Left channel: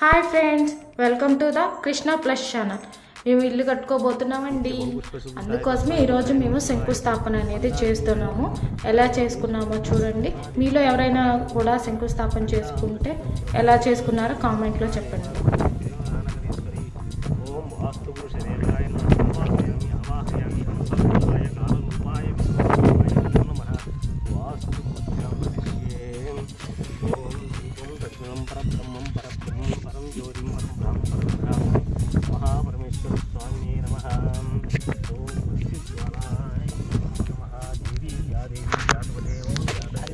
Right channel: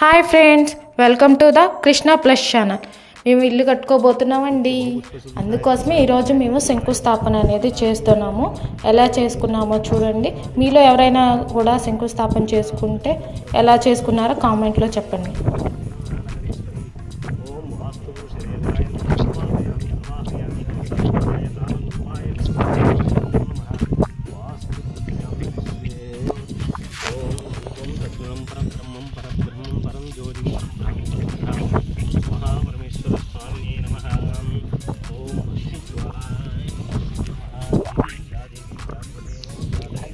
Hi friends, welcome to the Krishna plus channel. మేము ఇల్లు కట్టుకోబోతున్నామండి. అందుకోసమే ఈరోజు మేము శంకుస్థాపన అనేది చేస్తున్నాము. ఎలా చేసుకున్నామో చూడండి. మీలో ఎవరైనా కూడా శంకుస్థాపన చేసుకుంటే ఎలా చేసుకున్నారో కామెంట్లో చెప్పండి.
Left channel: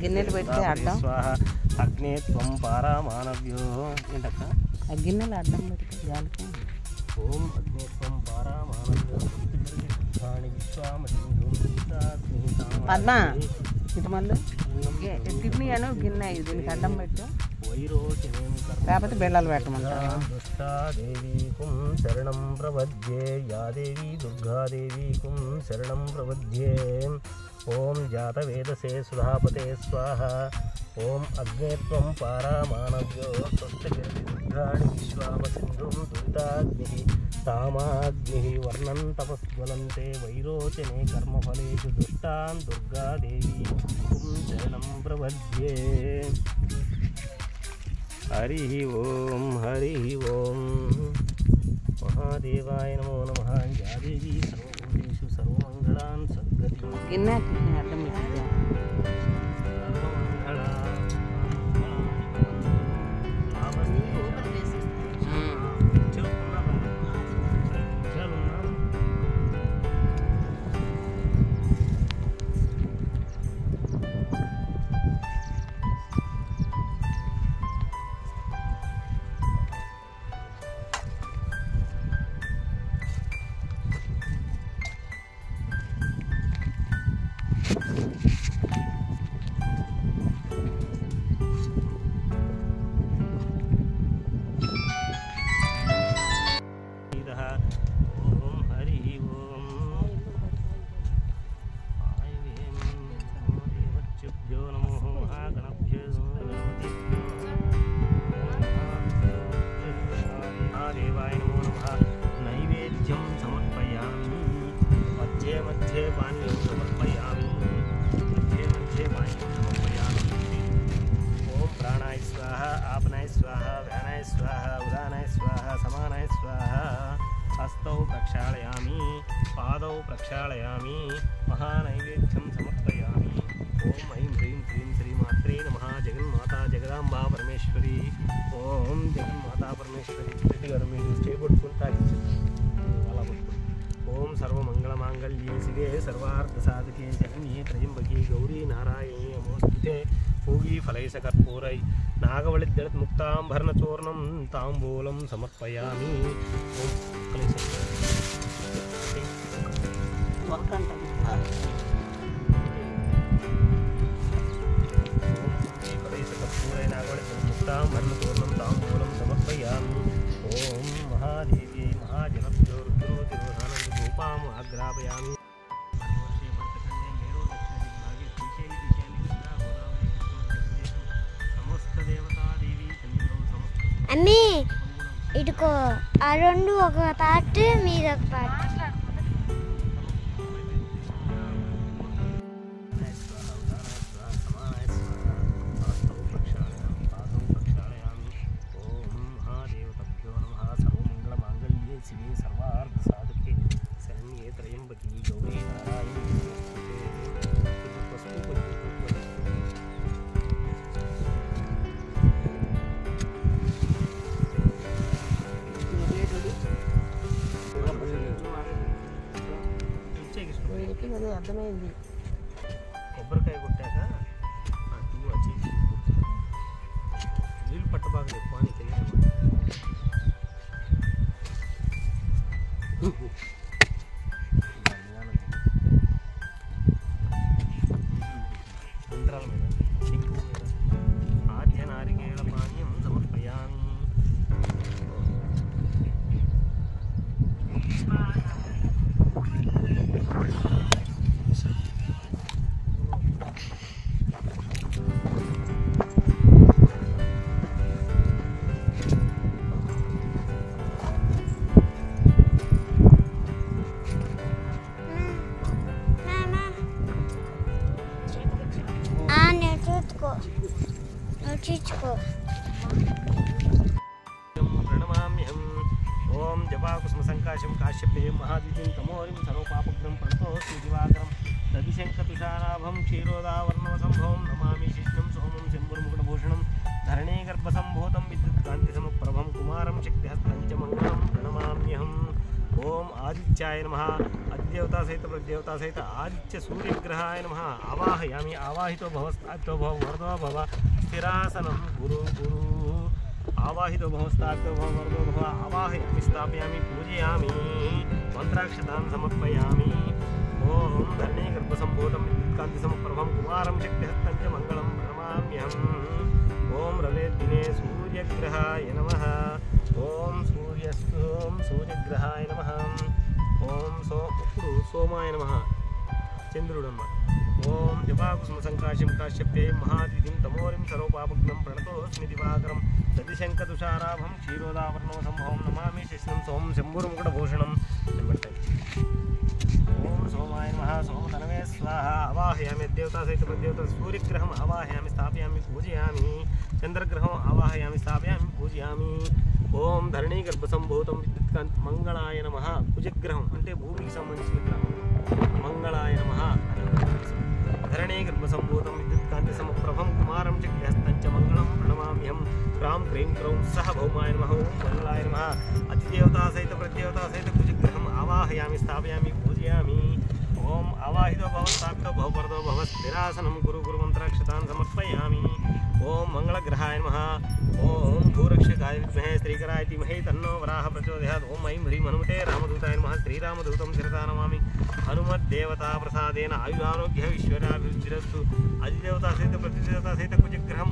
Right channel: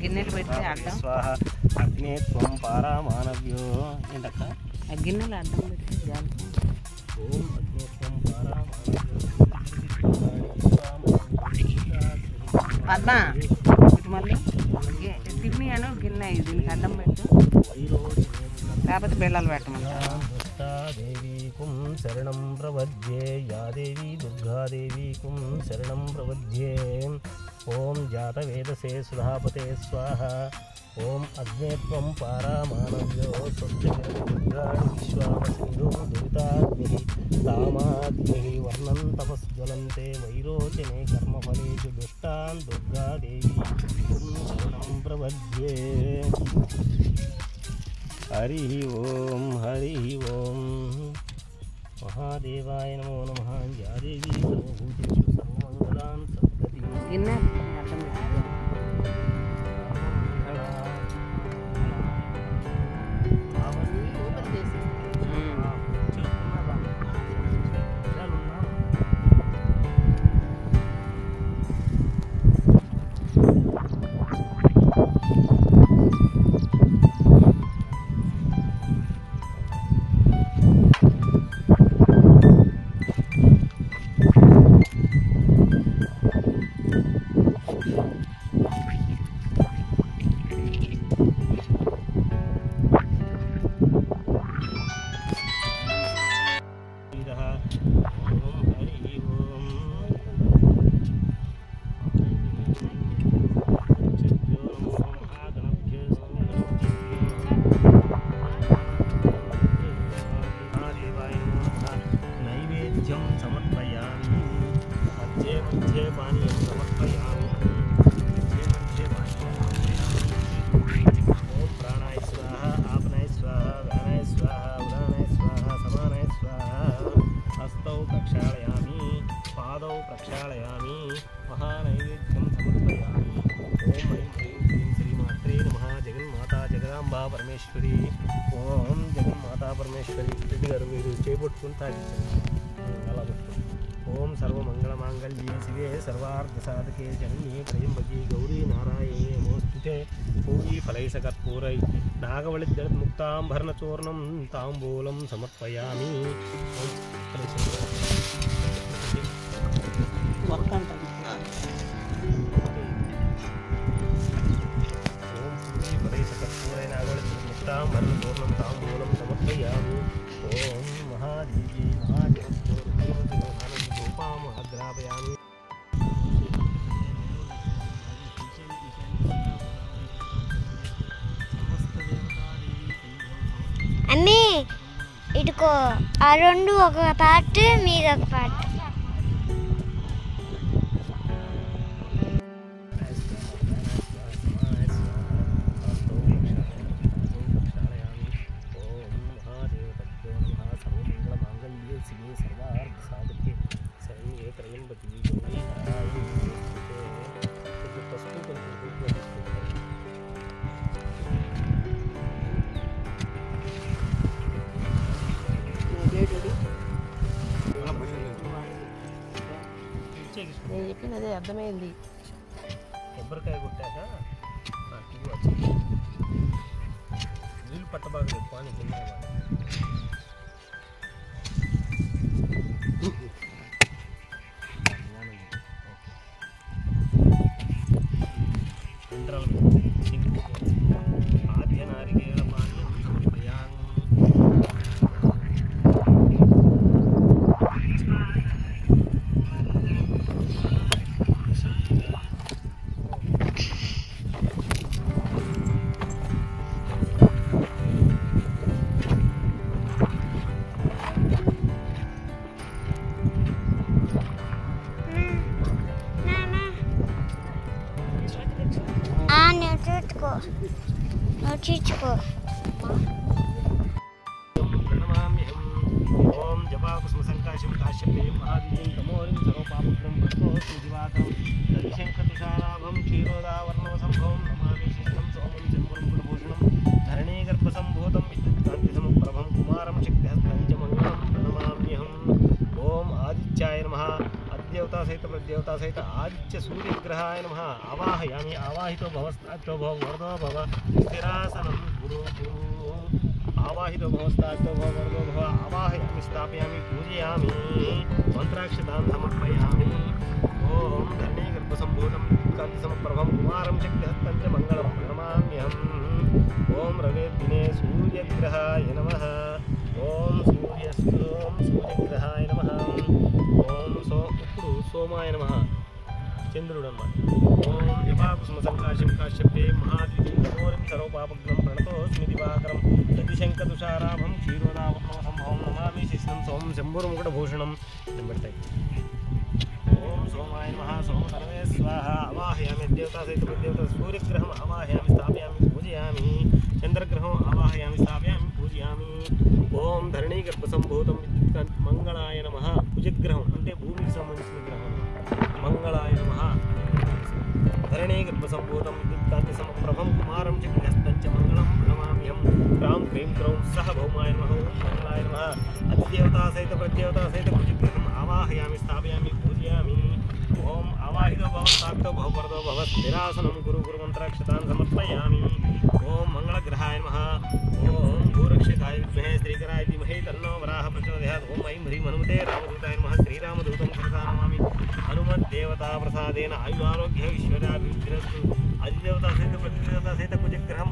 గిన్నెలు పెడితే అడ్డం అగ్నే త్వం పారామానవ్యో ఏంటక్క గిన్నెలు అడ్డం పెడితే జాగ్రత్త. ఓం అగ్నే త్వం పారామానవ్యో పద్మ ఇటు మళ్ళీ టిఫిన్ అను గిన్నె దీనికి అడ్డం పెట్టు, కాకపోతే బెళ్ళాలు పెట్టమని. దుష్టాదేవీకుం శరణం ప్రపద్యే యా దేవీ దుర్గాదేవీకుం శరణం ప్రపద్యే. ఓం జాతవేదసే సుధాపతే స్వాహ. ఓం అగ్నే త్వం పారామానవ్యో స్వస్తి విశ్వామసింధుం దురితాగ్ని కామాగ్ని వర్ణం తపస్జ్వలంతే వైరోచనే కర్మఫలేషు దుష్టాన్ దుర్గాదేవీ శరణం ప్రపద్యే. హరి ఓం హరి ఓం మహాదేవాయ నమో నమః. జాదేవీ సర్వభూతేషు సర్వమంగళాన్ సద్గతి గిన్నె అడ్డం పెట్టు. నైవేద్యం సమర్పయామి. మధ్యే మధ్యే పానీయం సమర్పయామి. మధ్యే మధ్యే పానీయం సమర్పయామి. ఓం ప్రాణాయ స్వాహ, ఆపనాయ స్వాహ, వ్యానాయ స్వాహ, ఉదానాయ స్వాహ, సమానాయ స్వాహ. హస్తౌ ప్రక్షాళయామి, పాదౌ ప్రక్షాళయామి. మహానైవేద్యం సమర్పయామి. ఓం ఐం హ్రీం శ్రీం శ్రీమాత్రే నమః. జగన్మాతా జగదాంబా పరమేశ్వరి. ఓం జగన్మాతా పరమేశ్వరి. రెడ్డి గారు మీరు చేపట్టుకుని తాగించండి. అలా పట్టుకోండి. ఓం సర్వమంగళమాంగళ్యే శివే సర్వార్థసాధకే శరణ్యే త్రయంబకే గౌరీ నారాయణీ నమోస్తుతే. పూరీ ఫలైసకర్పూరై నాగవళిద్దళత్ ముక్తాంభరణచూర్ణం తాంబూలం సమర్పయామి. ఓం ముక్తాంభరణచూర్ణం తాంబూలం సమర్పయామి. ఓం మహాదేవి మహాజనోపాము ఆగ్రాపయామి. అమ్మి ఇటుకో, ఆ రెండు ఒక పార్ట్ మీద ఒక పార్ట్. నేను చెప్పినది అర్థమైంది. కొబ్బరికాయ కొట్టాక ఇవి వచ్చి నీళ్ళు పట్టబాగా ఎక్కువ అని తెలియదు. ఆద్య నారికేళ పానీయం సమర్పయామి. ఆలోచించుకో. ప్రణమామ్యహం. ఓం జపాకుసుమ సంకాశం కాశ్యపే మహాదివ్యం తమోరిం సర్వపాపగ్రం ప్రస్తోస్మి దివాకరం దదిశంకతుషారాభం క్షీరోదావర్ణవసంభవం నమామి శిష్ణం సోమం శంభురం గుణభూషణం ధరణీగర్భసంభూతం విద్యుత్కాంతిసమప్రభం కుమారం శక్తిహస్తం చ మంగళం ప్రణమామ్యహం. ఓం ఆదిత్యాయ నమః. అధిదేవతా సహిత ప్రదేవతా సహిత ఆదిత్య సూర్యగ్రహాయ నమః. ఆవాహయామి. ఆవాహితో భవ స్థాపితో భవ వరదో భవ స్థిరాసనం గురు గురు. ఆవాహితో భవ స్థాపితో భవ వరదో భవ. ఆవాహయామి స్థాపయామి పూజయామి మంత్రాక్షతాన్ సమర్పయామి. ఓం ధరణీగర్భసంభూతం విద్యుత్కాంతిసమప్రభం కుమారం శక్తిహస్తం చ మంగళం ప్రణమామ్యహం. ఓం రవేద్దినే సూర్యగ్రహాయ నమః. ఓం సూర్యగ్రహాయ నమః. ఇప్పుడు సోమాయ నమః. చంద్రుడు అన్నమాట. ఓం జపాకుసుమ సంకాశం కాశ్యపే మహాద్వితీం తమోరిం సర్వపాపగ్నం ప్రణతోస్మి దివాకరం దదిశంకతుషారాభం క్షీరోదావర్ణవసంభవం నమామి శిష్ణం సోమం శంభురముకుటభూషణం. ఓం సోమాయ నమః. సోమతనవే స్వాహ. ఆవాహయామి. దేవతా సహిత ప్రదేవత సూర్యగ్రహం ఆవాహయామి స్థాపయామి పూజయామి. చంద్రగ్రహం ఆవాహయామి స్థాపయామి పూజయామి. ఓం ధరణీగర్భసంభూతం విద్యుత్కాంతి మంగళాయ నమః. కుజగ్రహం అంటే భూమికి సంబంధించిన గ్రహం. మంగళాయ నమః. ధరణీగర్భసంభూతం విద్యుత్కాంతిసమప్రభం కుమారం చక్రహస్తం చ మంగళం ప్రణమామ్యహం. క్రాం క్రీం క్రౌం సహ భౌమాయ నమః. మంగళాయ నమః. అధిదేవతా సహిత ప్రదేవతా సహిత కుజగ్రహం ఆవాహయామి స్థాపయామి పూజయామి. ఓం ఆవాహితో భవ స్థాపితో భవ వరదో భవ స్థిరాసనం గురు గురు మంత్రాక్షతాన్ సమర్పయామి. ఓం మంగళగ్రహాయ నమః. ఓం భూరక్షకాయ విద్మహే శ్రీకరాయ ధీమహి తన్నో వరాహ ప్రచోదయాత్. ఓం ఐం హ్రీం హనుమతే రామదూతాయ నమః. శ్రీరామదూతం శిరసా నమామి. హనుమద్దేవతా ప్రసాదేన ఆయురారోగ్య ఐశ్వర్యాభివృద్ధిరస్తు. అధిదేవతా సహిత ప్రతిదేవతా సహిత కుజగ్రహం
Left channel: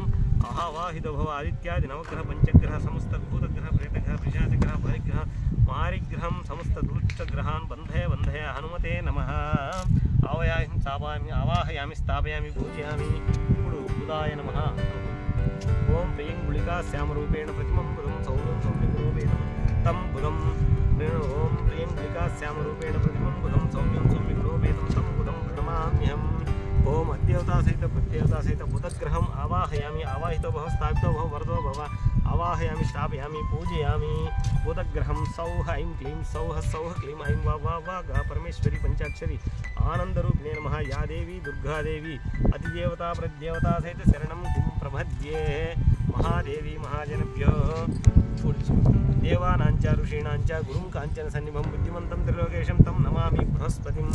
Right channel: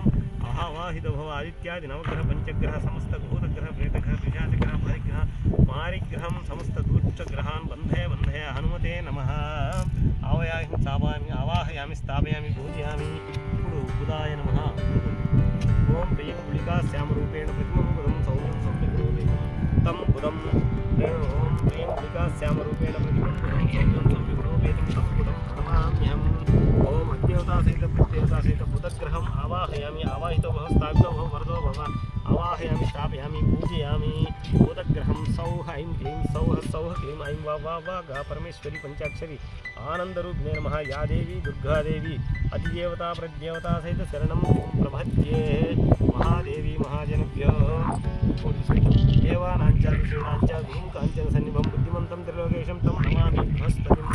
ఆవాహితో భవ. ఆదిత్యాది నవగ్రహ పంచగ్రహ సమస్త భూతగ్రహ ప్రేతగ్రహ పిశాచగ్రహ పరిగ్రహ మారిగ్రహం సమస్త దూష్టగ్రహాన్ బంధయ బంధయ హనుమతే నమః. ఆవాహయామి స్థాపయామి పూజయామి. ఇప్పుడు బుధాయ నమః. ఓం ప్రియం గుళికా శ్యామరూపేణ ప్రతిమం బుధం సౌమ్యం సౌమ్యగుణోపేతం తం బుధం. ఓం ప్రియం గుళికా శ్యామరూపేణ ప్రతిమం బుధం సౌమ్యం సౌమ్యగుణోపేతం తం బుధం ప్రణమామ్యహం. ఓం అద్దేవతా సహిత ప్రదేవతా సహిత బుధగ్రహం ఆవాహయామి. ఆవాహితో భవ స్థాపితో భవ వరదో భవ. ఆవాహయామి స్థాపయామి పూజయామి. బుధగ్రహం సౌహ ఐం క్లీం సౌహ సౌహ క్లీం ఐం వా వా వా గా పరమేశ్వరి పంచాక్షరి ఆనందరూపిణే నమః. యా దేవి దుర్గాదేవి అధిదేవతా ప్రదేవతా సహిత శరణం ప్రపద్యే. మహాదేవి మహాజనభ్యో దేవానాంచ ఋషీణాంచ గురుం కాంచన సన్నిభం బుద్ధిమంతం త్రిలోకేశం తం నమామి బృహస్పతిం.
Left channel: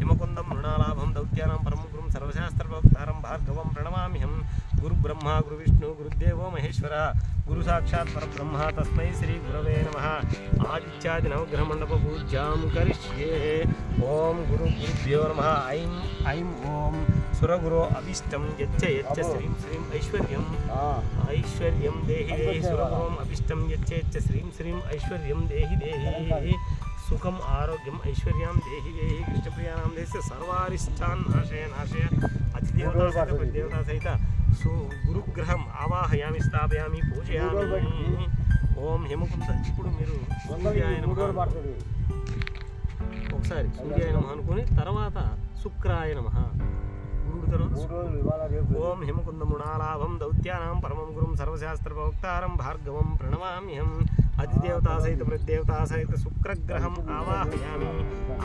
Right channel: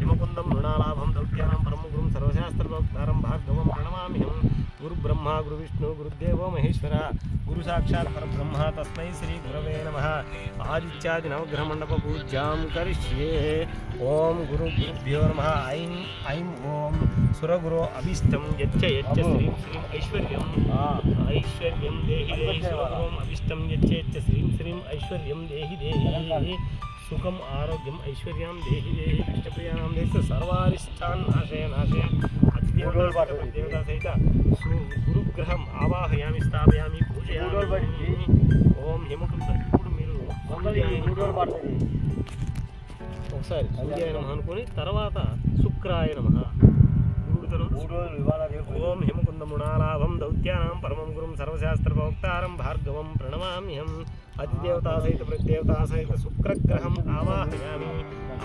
హిమకుందం మృణాలాభం దౌత్యానం పరమ గురుం సర్వశాస్త్రప్రోక్తారం భార్గవం ప్రణమామ్యహం. గురు బ్రహ్మ గురు విష్ణు గురుదేవో మహేశ్వర గురు సాక్షాత్ పరబ్రహ్మ తస్మై శ్రీ గురవే నమః. ఆదిత్యాది నవగ్రహ మండప పూజ్యాం కరిష్యే. ఓం గురుభ్యో నమః. ఐం ఐం ఓం సురగురో అభిష్టం యచ్చ యచ్చ శ్రీం శ్రీం ఐశ్వర్యం ఐశ్వర్యం దేహి దేహి. సురగురోం అభిష్టం యచ్చ యచ్చ శ్రీం శ్రీం ఐశ్వర్యం దేహి దేహి. సుఖం ఆరోగ్యం ఐశ్వర్యం దేహి దేహి. ఇష్టప్రియాణం దేశ సర్వారిష్టాన్ నాశయ నాశయ. అధిదేవతా సహిత గురుగ్రహం ఆవాహయామి స్థాపయామి పూజయామి. ఓం హిమకుంద. ఇప్పుడు మీరు ఒకసారి సూర్యాయ నమః అనుకుని తర్వాత శుక్రాయ నమః. గురుడు తర్వాత ఓం హిమకుంద మృణాలాభం దౌత్యానాం పరమం గురుం సర్వశాస్త్ర ప్రోక్తారం భార్గవం ప్రణమామ్యహం. అధిదేవతా సహిత ప్రదేవతా సహిత శుక్రగ్రహం ఆవాహయామి.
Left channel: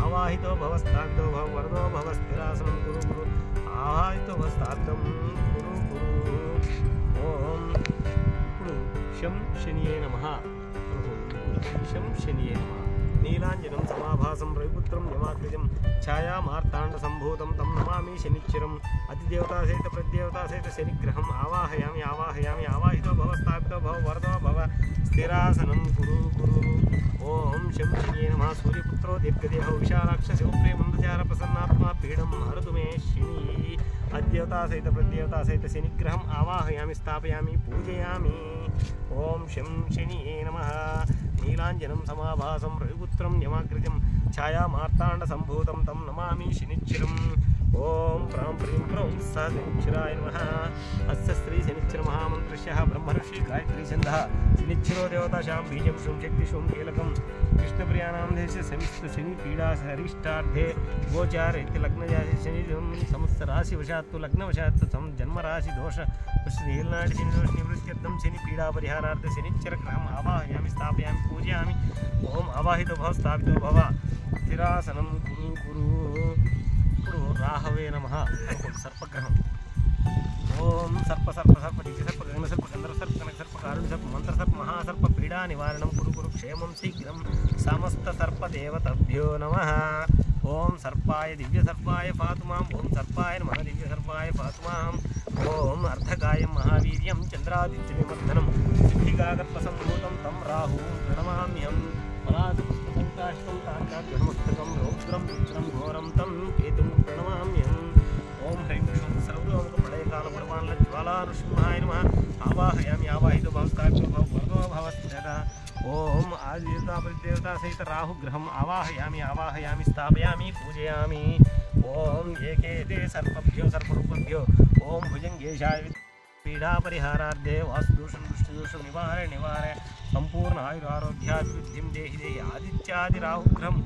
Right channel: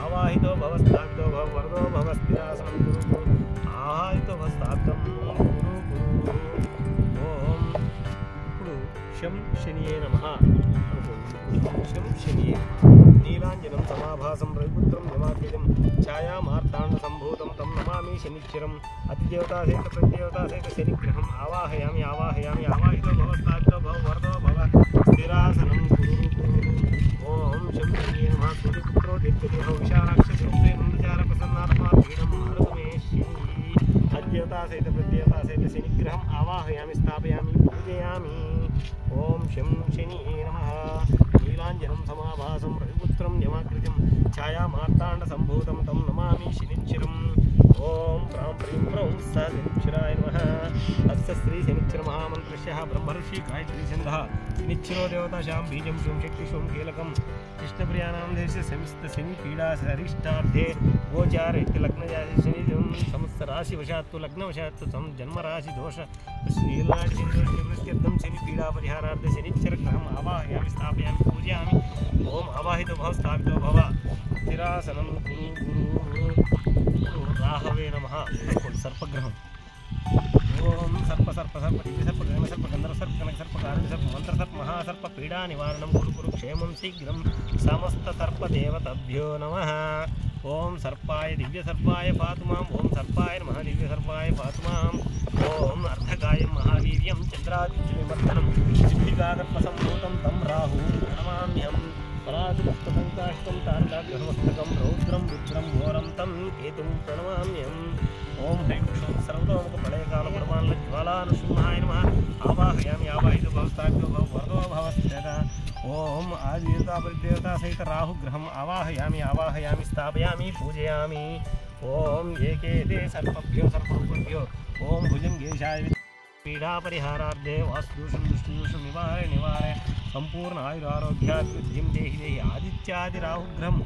ఆవాహితో భవ స్థాపితో భవ వరదో భవ స్థిరాసనం గురు గురు. ఆవాహితో భవ స్థాపితం గురు గురు. ఓం ఇప్పుడు శం శనియే నమః అనుకోండి. శం శనియే నమః. నీలాంజనం సమాభాసం రవిపుత్రం యమాగ్రజం ఛాయామార్తాండ సంభూతం తం నమామి శనిశ్చరం. అధిదేవతా సహిత ప్రదేవతా సహిత శనిగ్రహం ఆవాహయామి. ఆవాహయామి. ఆవాహితో భవ స్థాపితో భవ వరదో భవ స్థిరాసనం గురు గురు. ఓం శం శనియే నమః. సూర్యపుత్రో దీర్ఘదేహ విశాలాక్ష స్వరూపే మందచార ప్రసన్నాత్మా పీడం హరతు మే శని. అధిదేవతా సహిత ప్రదేవతా సహిత శనిగ్రహం ఆవాహయామి స్థాపయామి పూజయామి. ఓం శం శనియే నమః. నీలాంజనం సమాభాసం రవిపుత్రం శ్రీచతురం యమాకృతం ఛాయామార్తాండసంభూతం తం నమామి శనిశ్చరం. ఓం ప్రాం ప్రీం ప్రౌం స శనిశ్చరాయ నమః. అస్య శ్రీ శనిశ్చర మహామంత్రస్య బ్రహ్మర్షి గాయత్రీ ఛందః. శనిశ్చరో దేవతాశాం బీజం శూం శక్తి శూం కీలకం. కృష్ణప్రియానాం దేశే సంస్థ శని పీడా హరిష్టార్థే గోచార ఇతి లగ్నజాతి శని సంవత్సరాశి వశాత్తు లగ్నవశాత్తు జన్మరాశి దోష ఏలాంటి శని దోష నివృత్త్యర్థం శని పీడా పరిహారార్థ శనిశ్చర గ్రహం ఆవాహయామి స్థాపయామి పూజయామి. ఓం ఆవాహితో భవ స్థాపితో భవ. స్థిరాసనం గురు గురు. ఇప్పుడు రాహవే నమః. సర్పగ్రహం. ఓం సర్ప సర్ప సర్ప దివ్య సర్ప గగన సర్ప గంధర్వ సర్ప కనక సర్ప కారుణ్య సర్ప మంత్ర సర్ప మహాసర్ప పీడా నివారణం కురు కురు క్షేమం శీఘ్రం సమస్త సర్ప దేవతభ్యో నమః. ఓం సర్పాయ దివ్య సర్పాయ పాతు మాం. ఓం సర్పాయ నమః దివ్య సర్పాయ పాతు మాం. ఓం అర్ధకాయం మహావీర్యం చంద్రాదిత్యనిమర్దనం సిద్ధిగాగర్భసంభూతం తం రాహు నమామ్యం. పరాశుపుష్పసంకాష్టం తారకాగ్రహమస్తకం రౌద్రం రుద్రం ఘోరం తం కేతుం ప్రణమామ్యం. ఓం హ్రీం సర్వలోక ప్రళయకాల పరమాన్ల జ్వాలానృసింహాయ నమః. ఆవాహయామి ఆవాహితో భవస్థాక్షో భవ వరదో భవస్థిత. ఓం ఆదిదేవతా పరిదేవతా సహిత రాహుగ్రహం ఆవాహయామి ఆవాహయామి స్థాపయామి పూజయామి. ఓం ఏకేతే సర్పభ్యో సర్పరూపభ్యో. ఓం భుజంగేశాయ పీడా పరిహారార్థే వాస్తుదోషం దుష్టదోషం నివారే సంపూర్ణ ఆయురారోగ్యాభివృద్ధిం దేహి దేహి. ఆదిత్యాది రాహుగ్రహం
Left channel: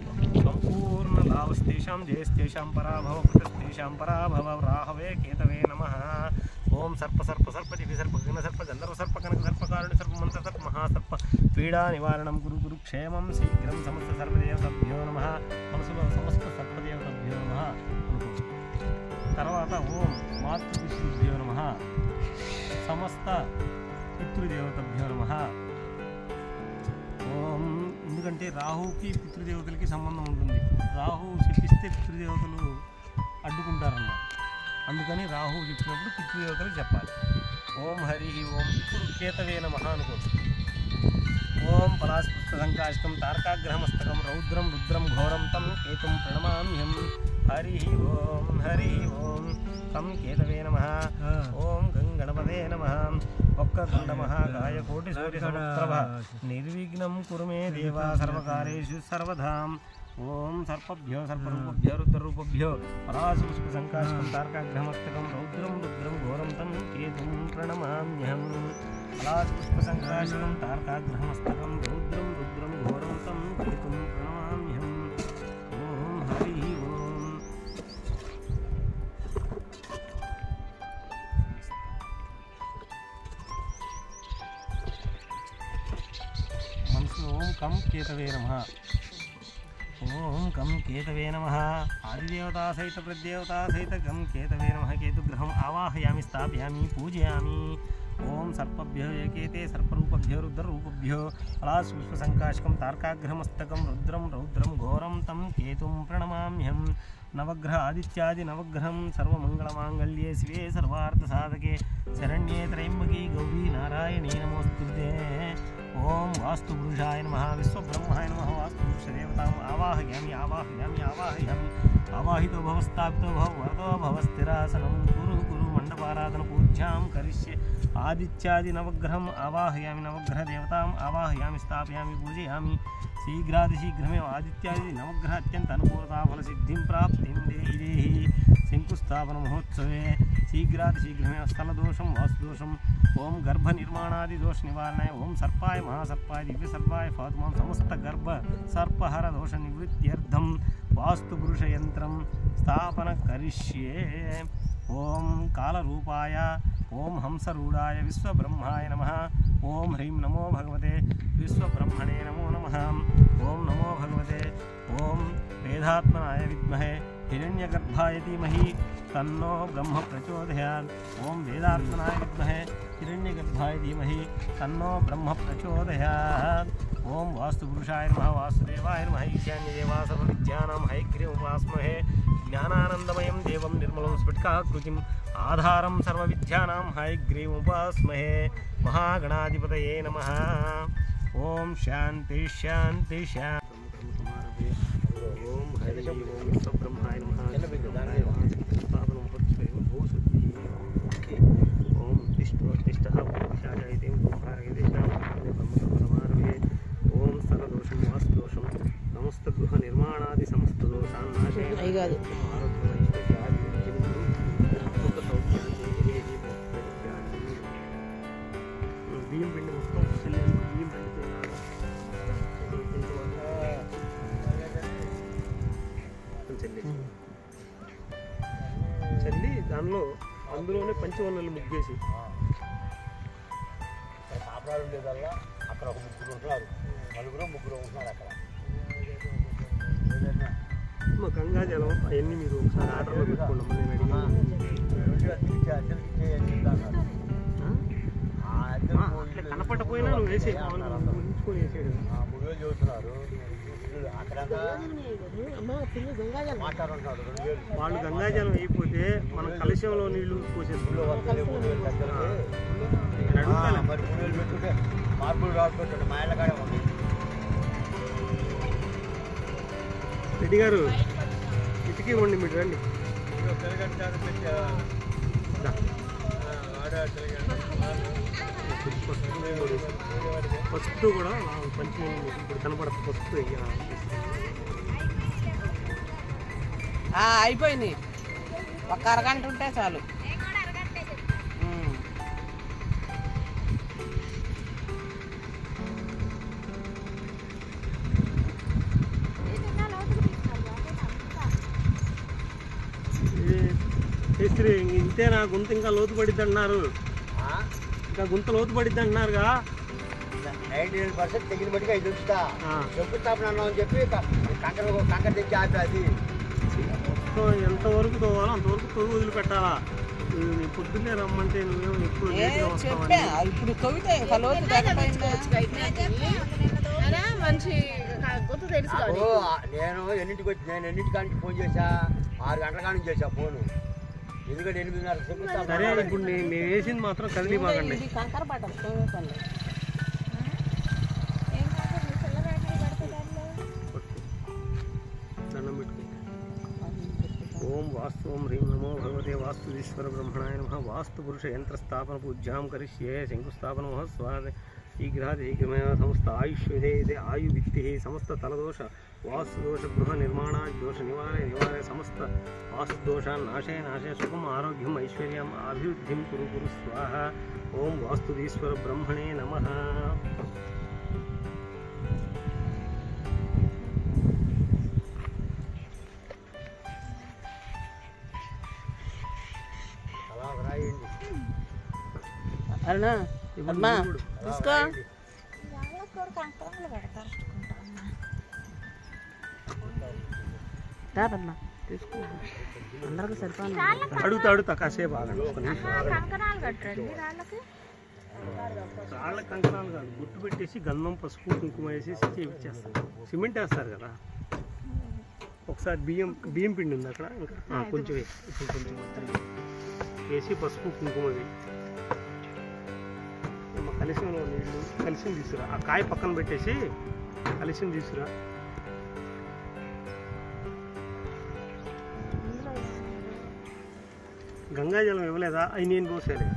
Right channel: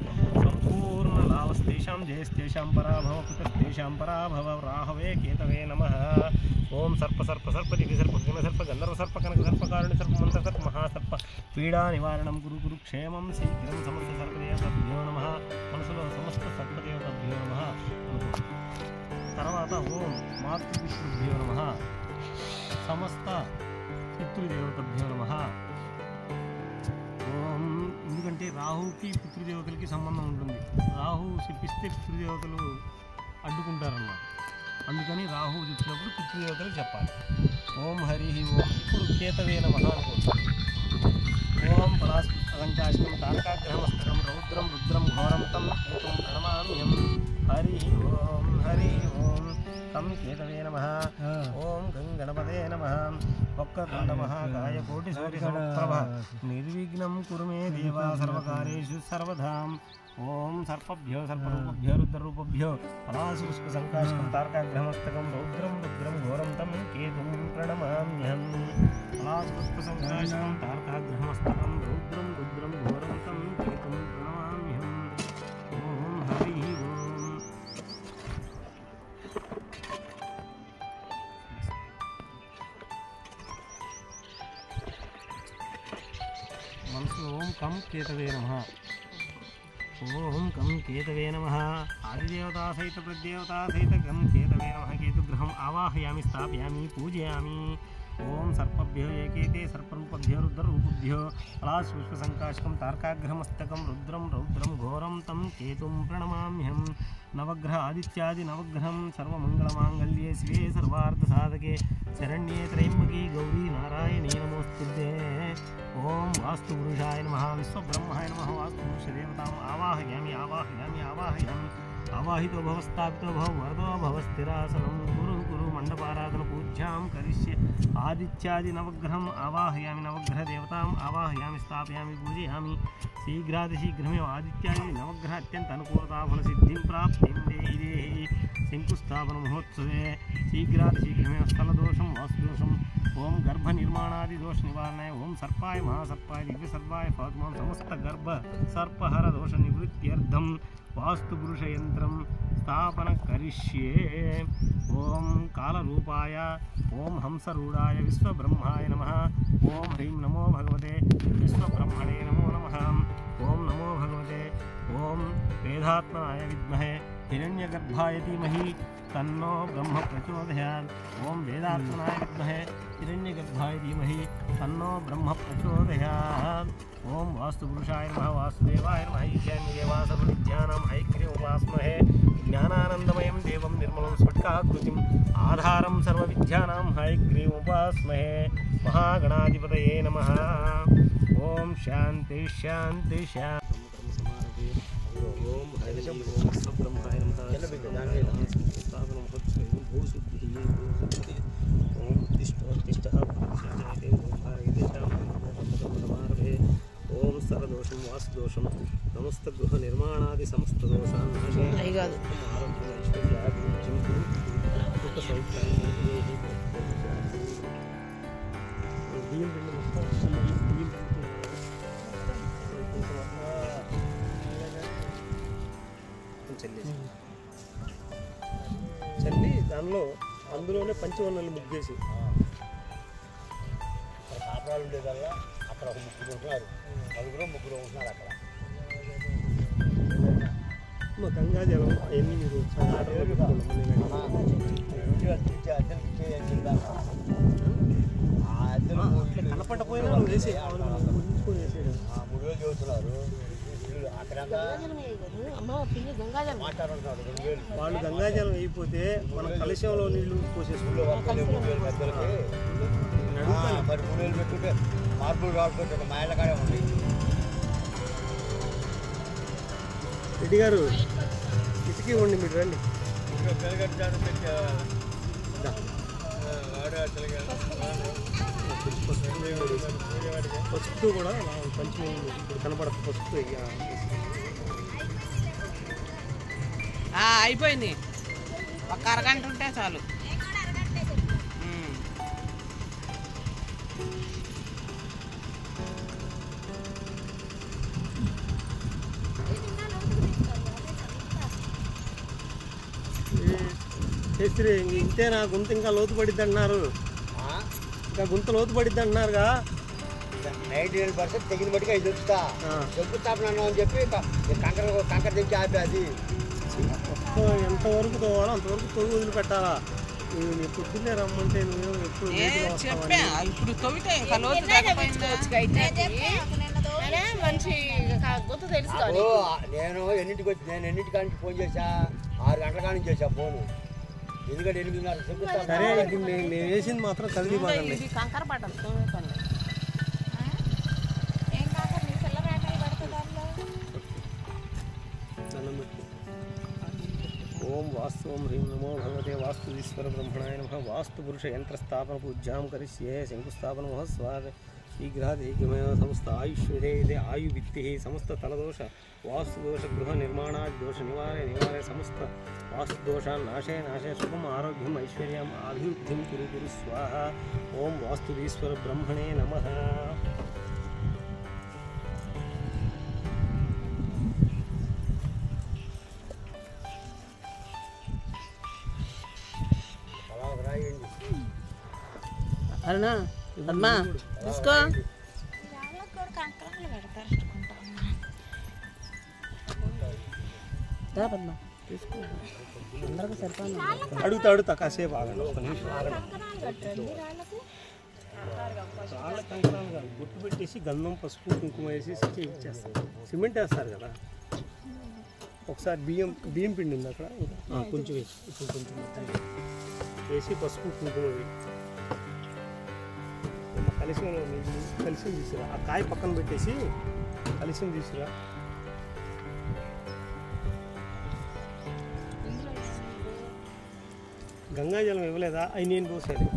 సంపూర్ణ లావస్తేషాం జయస్తేషాం పరాభవ పుత్రస్తేషాం పరాభవ. రాహవే కేతవే నమః. ఓం సర్ప సర్ప సర్ప దివ్య సర్ప గగన సర్ప గంధర్వ సర్ప కనక సర్ప కారుణ్య సర్ప మంత్ర సర్ప మహాసర్ప పీడా నివారణం గురు గురు క్షేమం శీఘ్రం సమస్త సర్పదేవతభ్యో నమః. మనసులో సమస్త సర్పదేవతభ్యో నమః. తర్వాత ఓం మాతృపితృభ్యో నమః. సమస్త పితృదేవతభ్యో నమః. ఓం ఎందుకంటే రాహుకి పితృదేవతలకి సంబంధం ఉంటుంది. రాహు చెప్పిస్తే పితృదేవతలు అడ్డుకుంటారన్నమాట. అందుకని రాహు చెప్పినప్పుడు పితృదేవతలకు చెప్పాలి. ఓం హరి ఓం. ఇప్పుడు కేతవే నమః అనుకోండి. ఓం పలాశంకాశకం తారకాగ్రహమస్తకం రౌద్రం రుద్రం ఘోరం తం కేతుం ప్రణమామ్యం. హరి ఓం హరి ఓం. తం కేతవే నమః. ఓం గంగణపదే నమః. వక్రతుండ మహాకాయ కోటి సూర్య సమప్రభ నిర్విఘ్నం కురు మే దేవా సర్వకార్యేషు సర్వదాం. ఓం సర్పభ్యో సర్పరూపభ్యో రుద్రరూపభ్యో పరాశుపుష్పసంకాశకం తారకాగ్రహమస్తకం రౌద్రం రుద్రం ఘోరం తం కేతుం ప్రణమామ్యం. పలాశుపుష్పసంకాశకం తారకాగ్రహమస్తకం రౌద్రం రుద్రం ఘోరం తం కేతుం ప్రణమామ్యం. ఓం హరి ఓం. మనసు ఓం కం కేతవే నమః. ఓం కం కేతవే నమః. ఆదిదేవతా సహిత ప్రదేవతా సహిత గం కేతవే నమః. కేతుగ్రహం ఆవాహయామి స్థాపయామి పూజయామి. ఓం సర్పభ్యో ఏకేతే సర్పరూపభ్యో రుద్రరూపభ్యో పలాశుపుష్పసంకాశకం తారకాగ్రహమస్తకం రుద్రం రౌద్రం ఘోరం తం కేతుం ప్రణమామ్యం. నవగ్రహ ఆదిత్యాది నవగ్రహం సర్వమంగళమాంగళ్యే శివే సర్వార్థసాధకే శరణ్యే త్రయంబకే గౌరీ నారాయణే నమోస్తుతే. ఓం వాస్తుపురుషాయ నమః. విశ్వబ్రహ్మాయ నమః. వాస్తుపురుషదేవతాం ఆవాహయామి ఆవాహయామి ఆవాహయామి. ఆవాహితో భవ స్థాపితో భవ వరదో భవ. స్థిరాసనం గురు గురు మండపారాధన పూజ్యాం కరిష్యే. ఆదిత్యాది నవగ్రహం ఆవాహయామి నవగ్రహదేవతాం ఆవాహయామి స్థాపయామి పూజయామి. శీఘ్రాతిశీఘ్రమేవ ఆదిత్యాది నవగ్రహ అత్యంత అనుకూలతాఫలసిద్ధిం ప్రాప్తిం దేహి దేహి. శంకుస్థాపన మహోత్సవే శీఘ్రాతిశీఘ్రమేవ స్థలదోషం వాస్తుదోషం. ఓం గర్భ నిర్మాణాది దోష నివారణాయ. ఓం సర్పాయ మహాసర్పాయ దివ్య సర్పాయ పాతుమాం. సమస్త గర్భ సర్పహర దోష నివృత్త్యర్థం వాస్తుపురుష యంత్రం స్థాపన కరిష్యే. ఓం కాలరూపాయ ఓం హంసరూఢాయ విశ్వబ్రహ్మాయ నమః. ఓం హ్రీం నమో భగవతే విశ్వబ్రహ్మణే నమో నమః. ఓం నమో భగవతే ఓం వేదాత్మనాయ విద్మహే హిరణ్యగర్భాయ ధీమహి తన్నో బ్రహ్మ ప్రచోదయాత్. ఓం వేదాత్మనాయ విద్మహే హిరణ్యగర్భాయ ధీమహి తన్నో బ్రహ్మ ప్రచోదయాత్. ఓం వాస్తుపురుషాయ నమః. వాసుదేవాయ నమః. ఈశాన్యదేవా సర్వవిద్యానాం హయగ్రీవముపాస్మహే. జ్ఞానానందమయం దేవం నిర్మలం స్ఫటికాకృతిం ఆధారం సర్వవిద్యానాం హయగ్రీవముపాస్మహే. మహాగణాధిపతయే నమః. ఓం శాంతి శాంతి శాంతి. ఓం హరి ఓం విశ్వబ్రహ్మాయ నమః. విశ్వబ్రహ్మాయ నమః. స్థాపన మహోత్సవం భూశుద్ధి భూశుద్ధి. ఓం తిష్టోత్తిష్ఠ పురుషాజయితే ఓం భారగదేశాం సమారభే. ఓం సర్వ దోషం వాస్తు దోషం సమస్త గృహ నిర్మాణాది సమస్త దోషాన్ని నాశేన ఆరోగ్యం ఐశ్వర్యాభివృద్ధిం కురు సుఖ సౌఖ్యాన్ని బియ్యం పిండి మొత్తం బియ్యం పిండి చల్లి దానిలో అందులోనే పంచవర్ణాలు ముగ్గేసి పాపరాలు ఉండేదల్లా అక్కడ ఒక ముగ్గురు ఉంటున్నారు, ముగ్గురు ఉంటున్నారు అక్కడ. మా గంగాజలం అవన్నీ మీరు ఒకసారి ఆర్డర్లో పెట్టుకోండి. నేను అట్లా కనపడపోయినా నువ్వు వేసే నువ్వు ఊహించుకొని వేసేయడం. 3 వేలు చదువుతున్నారు వాళ్ళు గంగాజలం అయిపోతే మనం కలశంలో నీళ్లు పోసేసుకుంటాం. నేను అడుగుతాను మరి 3 వేలు పెట్టుకుంటే మార్పులు రాడుకుంటాడు మా ఇళ్ళ కాడే ఉంది. రెడ్డి గారు ఇటుకి ఇవ్వండి, మీరు రండి. పసుపు కూడా పంచి ఇప్పుడు కనపడదు. పసుపు అయిపోయింది, ఒక అరగంట ఉంటే చాలు. చేస్తే ఇంతే నా గుంత ఇంకా లోతు పడిద్ది అంటున్నారు, ఇంకా గుంత లోతు పడిద్ది అంటున్నారుగా. 98% తెగిన బట్టిగా ఇది చెప్తా చెప్పుతాను అని చెప్పి కంకర తెచ్చి ఆపి అది మొత్తం ఎంతవరకు తోవాలో అంతవరకు తొవ్వి వదిలిపెట్టాలా. నీ పొద్దున్నే రమ్మంటే నువ్వేమో ఎప్పుడు లేట్గా వస్తావని. ఇప్పుడు తవ్వితే నేను ఎన్నింటికానికి ఫోన్ చేశా, 6 గంటల కానీ చేశా ఫోను. ఎందుకంటే 8:30 చెప్తా. సరే ఇప్పుడు మేము వేసింది మాత్రం కదిలి బాగండి. కంకర పడ్డాం. దండం పెట్టుకో. ఓం వాస్తు ఓం హ్రీం నమో భగవతే వాస్తుదీశ్వర బ్రహ్మణాయ నమః. వాస్తు పురుష యంత్ర స్థాపన పూజ్యాం కరిష్యే. శంకుస్థాపన మహ స్వాద శీఘ్రాదేకమైన సమస్త ఆయుష్యదే ఆయు విత్తి సమస్త తలదోష వాస్తుదోష గృహ నిర్మాణాది దోష నివారే సమస్త వాస్తుదోషాన్ నాశే సుఖం ఆరోగ్యం ఐశ్వర్యం అభివృద్ధిం కురు స్వాహ. ఓం వాస్తుదీశ్వర బ్రహ్మణే నమః. తీసుకో. అందరికి సరిపోయింది. అడుగుతా కాసేపు ఆగండి. రాళ్ళ కంకణాలు కాదు, గుట్టు పెట్టేసి గంధం పసుపు కుంకుమ వేసి చేయించేస్తారు. సిమెంట్ వేస్తారు కదా. ఒకసారి బియ్యం పిండి ఉంది అక్కడ, ఇంకా కొంచెం ఇప్పుడు కొంచెం మొత్తం వేసి పసుపు కుంకుమ కలిసిలో నీళ్ళు కలిసి తీసుకురా. ఆ కాయ పక్కన పెట్టేసి కలిసి తీసుకురా. గంగాజలం ఇవ్వలేదా? అవి నేను పోసేది.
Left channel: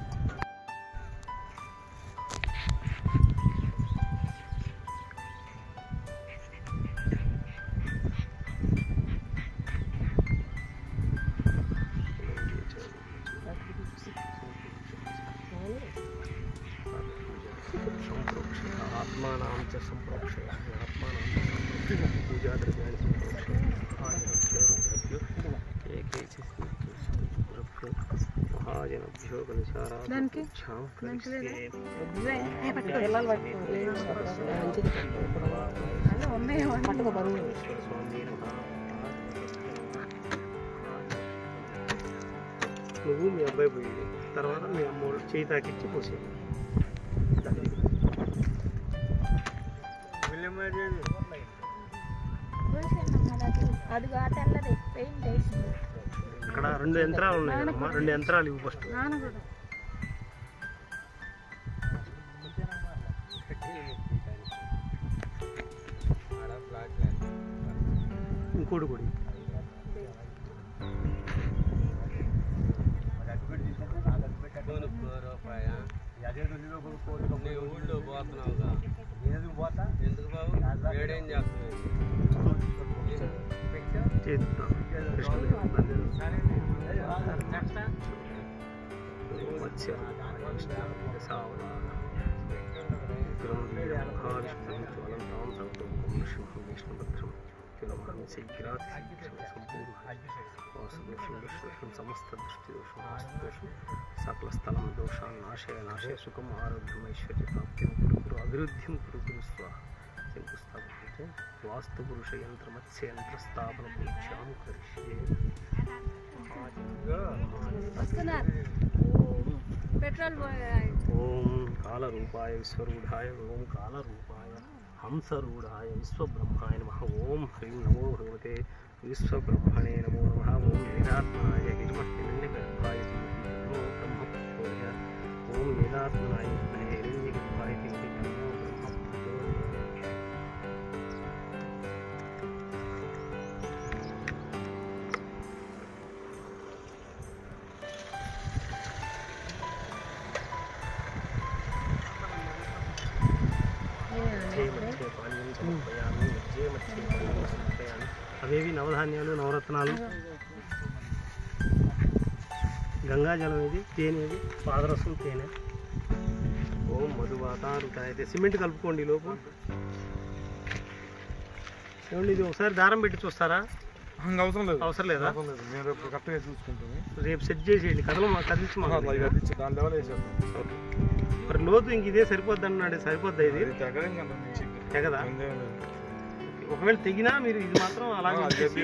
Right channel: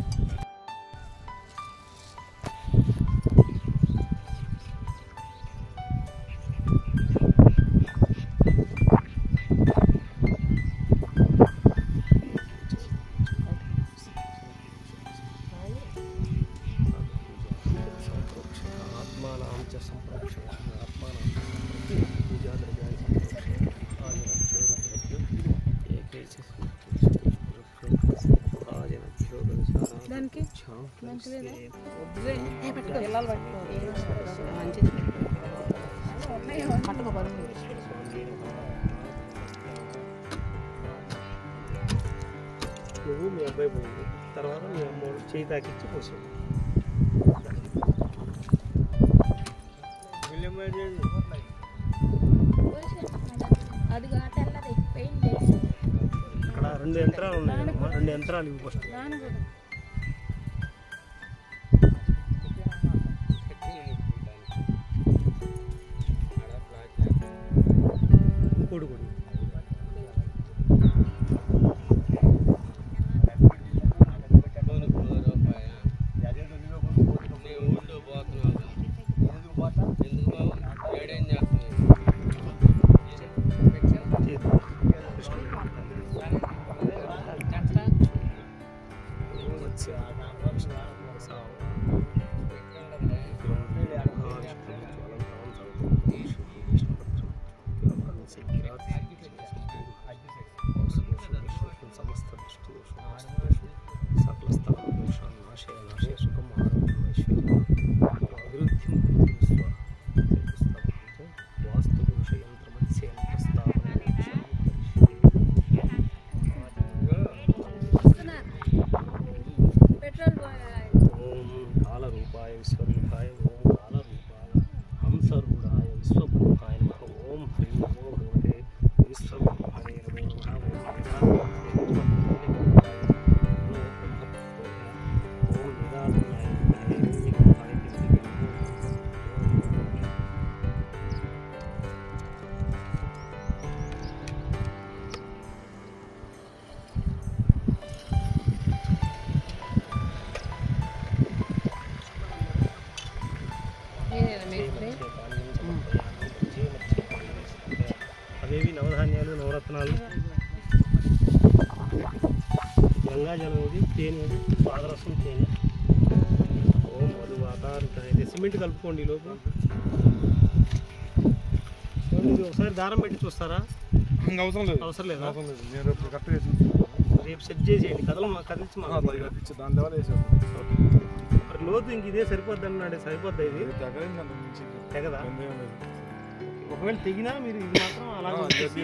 ఆత్మానాం చ సంప్రోక్షయ ఆత్మానాం పూజా ద్రవ్యాన్ని సంప్రోక్షయ మహాజనభ్యో రుద్రభ్యో ఏకైక మహాజనభ్యో గణశారాధిక్షాం నువ్వు మీ అబ్బాయి పోయింది, తర్వాత మీ అమ్మ చేయి తాకిచ్చి పోసేది. ఇక్కడ 2 యంత్రాలు ఉన్నాయి కదమ్మా, 2 యంత్రాలు ఇవి ఫస్ట్. ఇంకోటి కూడా సమస్త దృష్టి సకల స్థలం దోషాన్ని నాశయ సుఖం ఆరోగ్యం ఐశ్వర్యం అభివృద్ధి వాస్తు పురుష యంత్ర మత్స్య యంత్ర స్థాపన ఓం కాలరూపాయ విశ్వరూఢాయ ఓం కాలరూపాయ హంసరూఢాయ విశ్వబ్రహ్మాయ నమః ఓం హ్రీం నమో భగవతే విశ్వబ్రహ్మణే నమో నమః ఓం వేదాత్మనాయ హిరణ్యగర్భాయ నమో బ్రహ్మపుత్రాయ ఓం వేదాత్మనాయ హిరణ్యగర్భాయ నమో బ్రహ్మపుత్రాయ. అవేవి నవధాన్యాలు నవరత్నాలు గంగాజలం ఇది తేనె ఇది పాదరసం తేనె ఓం మధువాతారుతాయ సిమెంట్ కలుపుకోండి ఈ లోపు ఏమండి ఇది ఒకసారి దారం పెట్టి చూస్తారా అవసరం లేదా రేపు సెట్ చేసేయండి కదిలించి మరి లోతు ఇంక ఇదే సరిపోద్ది అన్నాడు సరిపోద్దా ఇది తెగదా ఒకవేళ తెగినా మీరు ఇది మాత్రం అలాగే వచ్చేసి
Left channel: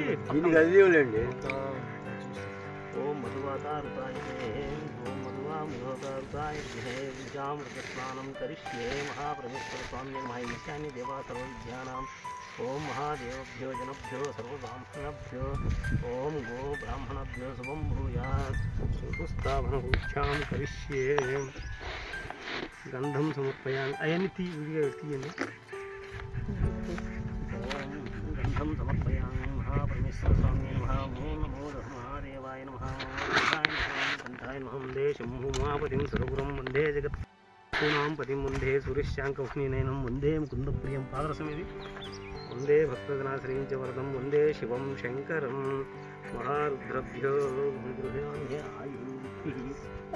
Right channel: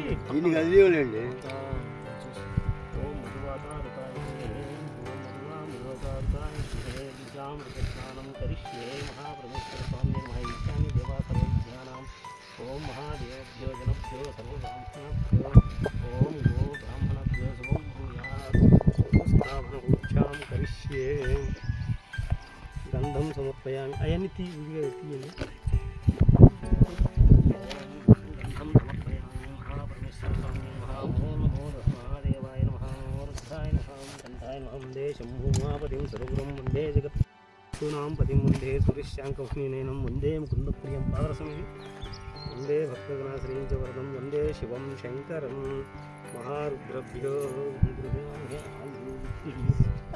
ఓం మధువాతారుతాయ ఓం మధువామృతారుతాయ విద్యామృతస్నానం కరిష్యే మహాపరమేశ్వర స్వామి మహావిద్యాన్ని దేవా సర్వవిద్యానాం ఓం మహాదేవభ్యో జనభ్యో సర్వబ్రాహ్మణభ్యో ఓం గో బ్రాహ్మణభ్యో శుభం భూయాత్ స్థాపనభూత్యాం కరిష్యే గంధం సమర్పయామి అవన్నీ విడిగా తీయండి గంధం సమర్పయామి మహాపరమేశ్వర స్వామి నమః ఓం నమో మహాదేవాయ నమః గంధాయ నమః వందే శంభు మహాపతిం సర్వగురం వందే జగత్ సూనాం పతిం వందే సూర్యశాంకవహ్నినయనం వందే ముకుందప్రియం పాదరసం ఇది వందే భక్తజనాశ్రయించ వరదం వందే శివం శంకరం మహారుద్రభ్యో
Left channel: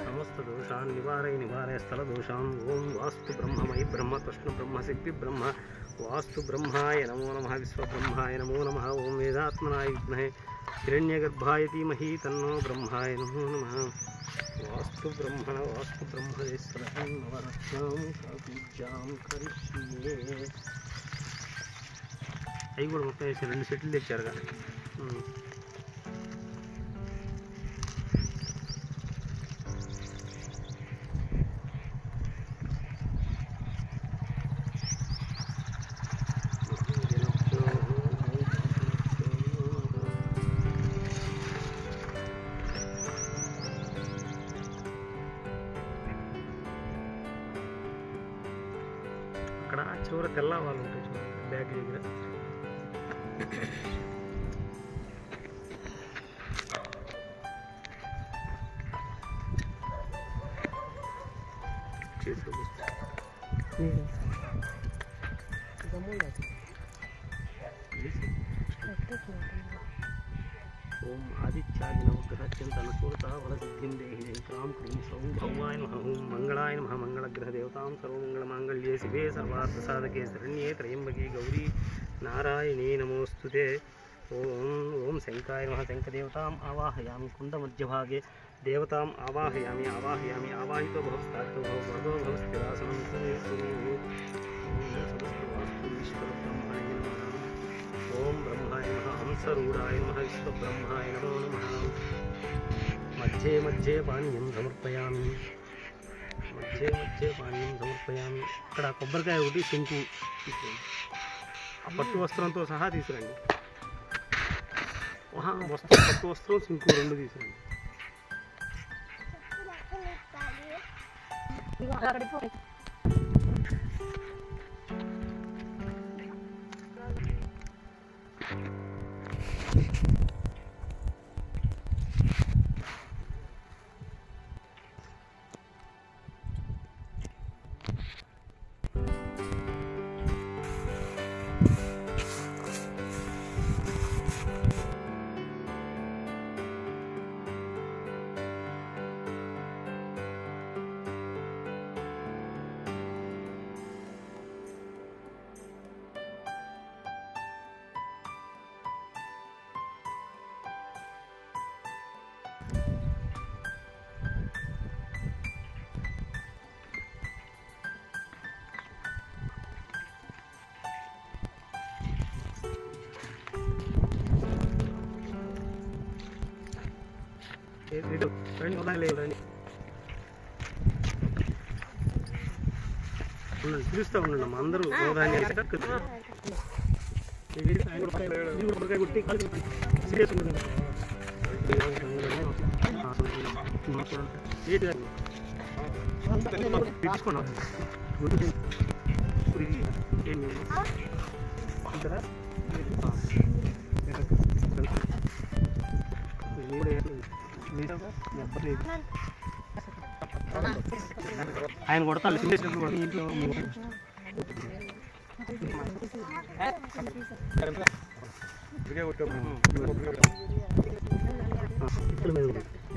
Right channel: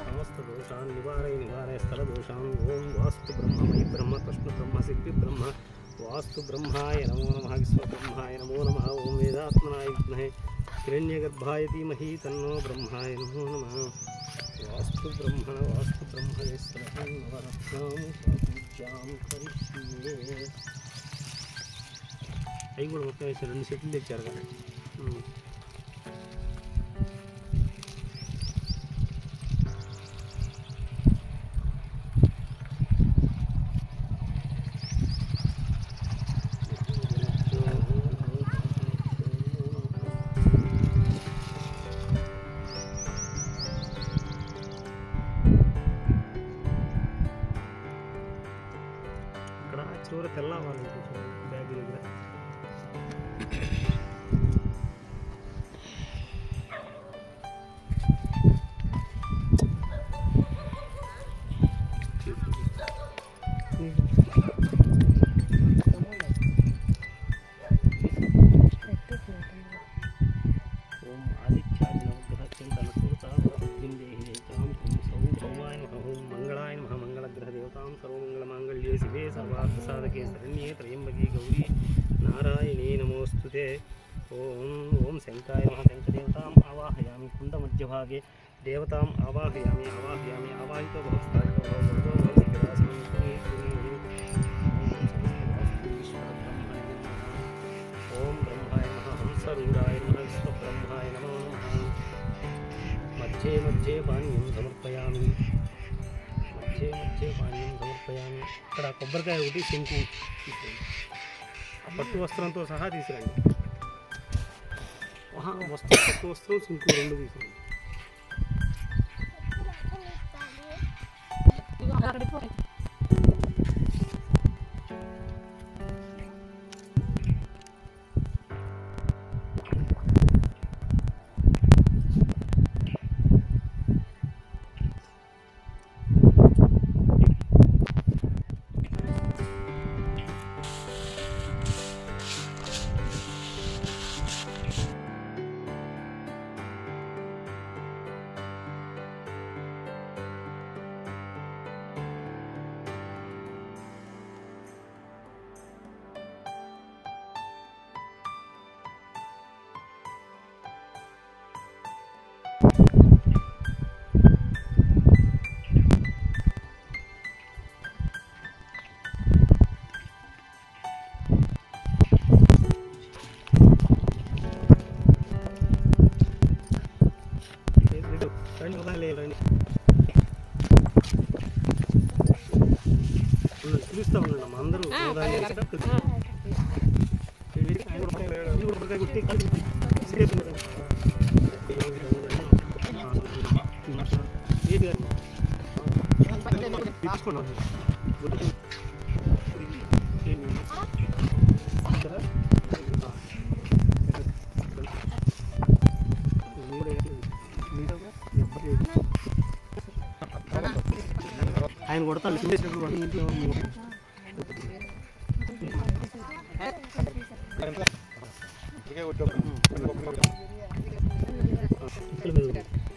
సమస్త దోషాన్ నివారయ స్థల దోషాన్ ఓం వాస్తు బ్రహ్మమయి బ్రహ్మ కృష్ణ బ్రహ్మ శక్తి బ్రహ్మ వాస్తు బ్రహ్మాయ నమో నమః విశ్వబ్రహ్మాయ నమో నమః ఓం వేదాత్మనాయ విద్మహే హిరణ్యగర్భాయ ధీమహి తన్నో బ్రహ్మాయ నమో నమః వాస్తు బ్రహ్మణేశ్వరం నవరత్నం పూజ్యాం కరిష్యే. అవి కూడా మొత్తం వేసి 2 సెట్లు తెచ్చారు కదా అక్కడ చివర తెల్ల వాళ్ళు ఉంటాయి చూడండి బ్యాగ్ దగ్గర ఓం ఆదిత్యాయ నవగ్రహత్యంతనసూతావరసిద్ధిం సౌ భౌమాయ నమః ఓం మంగళాయ నమః మంగళగ్రహ దేవతాం సర్వమంగళమాంగళ్యే శివే సర్వార్థసాధకే శరణ్యే త్రయంబకే గౌరీ నారాయణీ నమోస్తుతే. ఓం శంకాయ నమః శంఖదేవతాం ఆవాహయామి కుండమధ్యభాగే దేవతాం ఆవాహయామి ఆవాహితో భవస్థాపితో భవ వరదో భవ స్థిరాసనం ఈశ్వరబ్రహ్మణే నమః. ఓం బ్రహ్మాయ నమః హంసరూఢాయ నమః విశ్వబ్రహ్మాయ నమో నమః. మధ్యే మధ్యే పానీయం సమర్పయామి ఇక్కడ కొబ్బరికాయ ఒకటి శంకు తీసుకురండి ఆ పట్టు వస్త్రంతో సహా తీసుకురండి పట్టు వస్త్రం శంకు 2 తీసుకురండి. రండి ఉదాహరణ రండి పిలుస్తూ ఉండండి అమ్మ అందరూ ఉదాహరణ ఆయన కొడతాను ఇంట్లో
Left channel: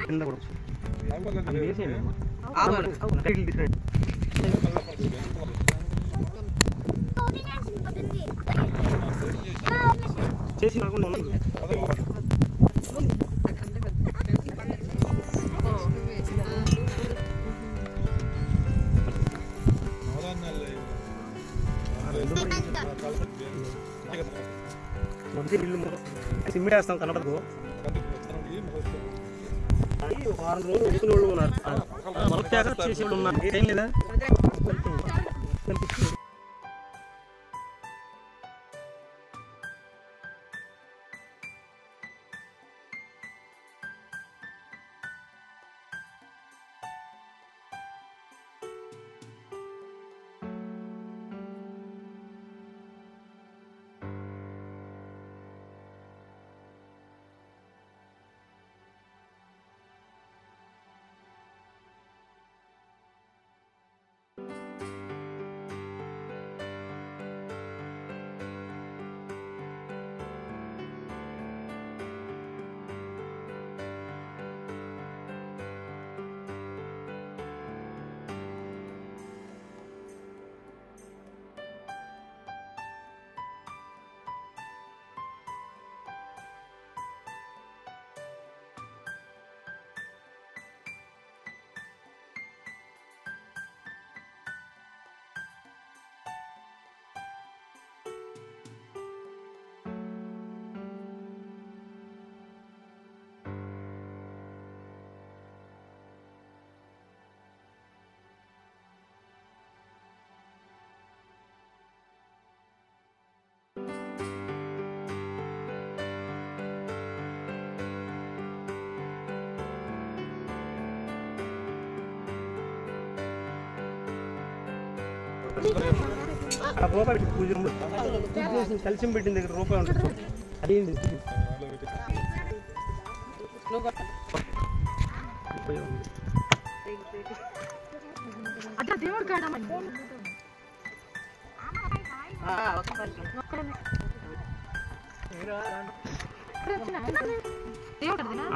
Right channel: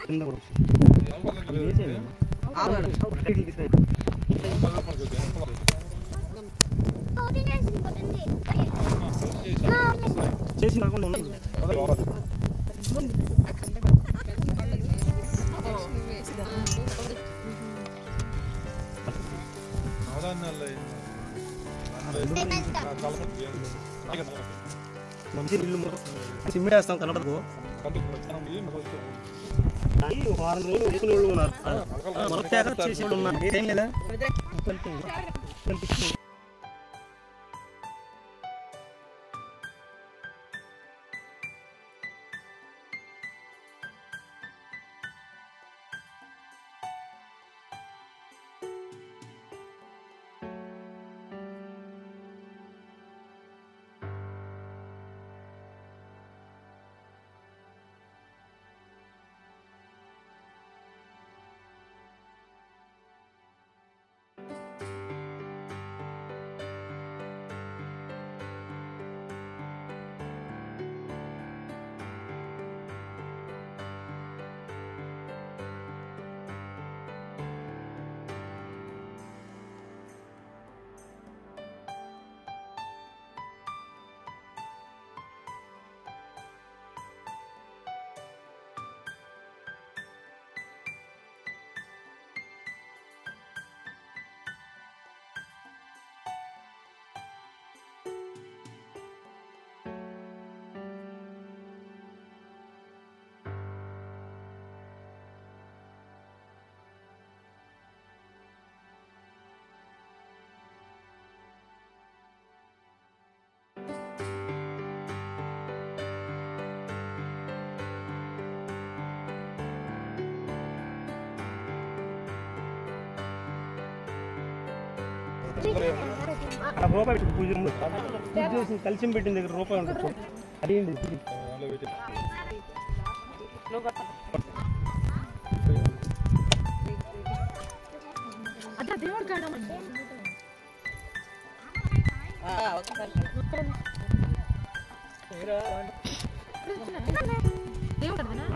కింద చేసి కాకుండా సిమ్మిడి వేస్తాం కనపడదు వారం రోజులు వేసుకునే వాళ్ళు ఉన్నారు మొదట చేసే వాళ్ళు ఉన్నారు ఏం లేదా రూపాయి పూజ చేసి కలిసి పెట్టిన దగ్గర రూపాయి ఉంటుంది అదేంటి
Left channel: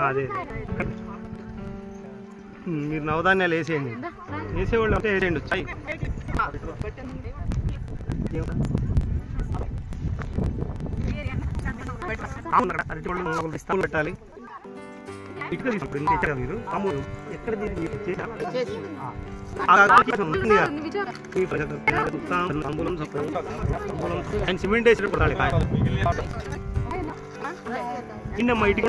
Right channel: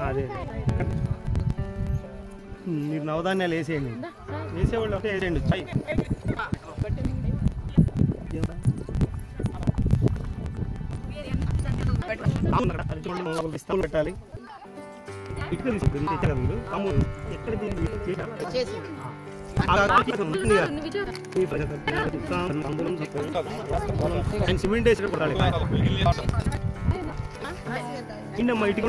అదే మీరు నవధాన్యాలు వేసేయండి వేసేవాళ్ళు అంటే వేసేయండి చాయ్ ఇస్తాలు పెట్టాలి ఇటుక తీసుకుంటారు మీరు అమ్ముడు ఎక్కడ సిమెంట్ వేసి కొట్టాలి ఇన్నమ్మా ఇటుక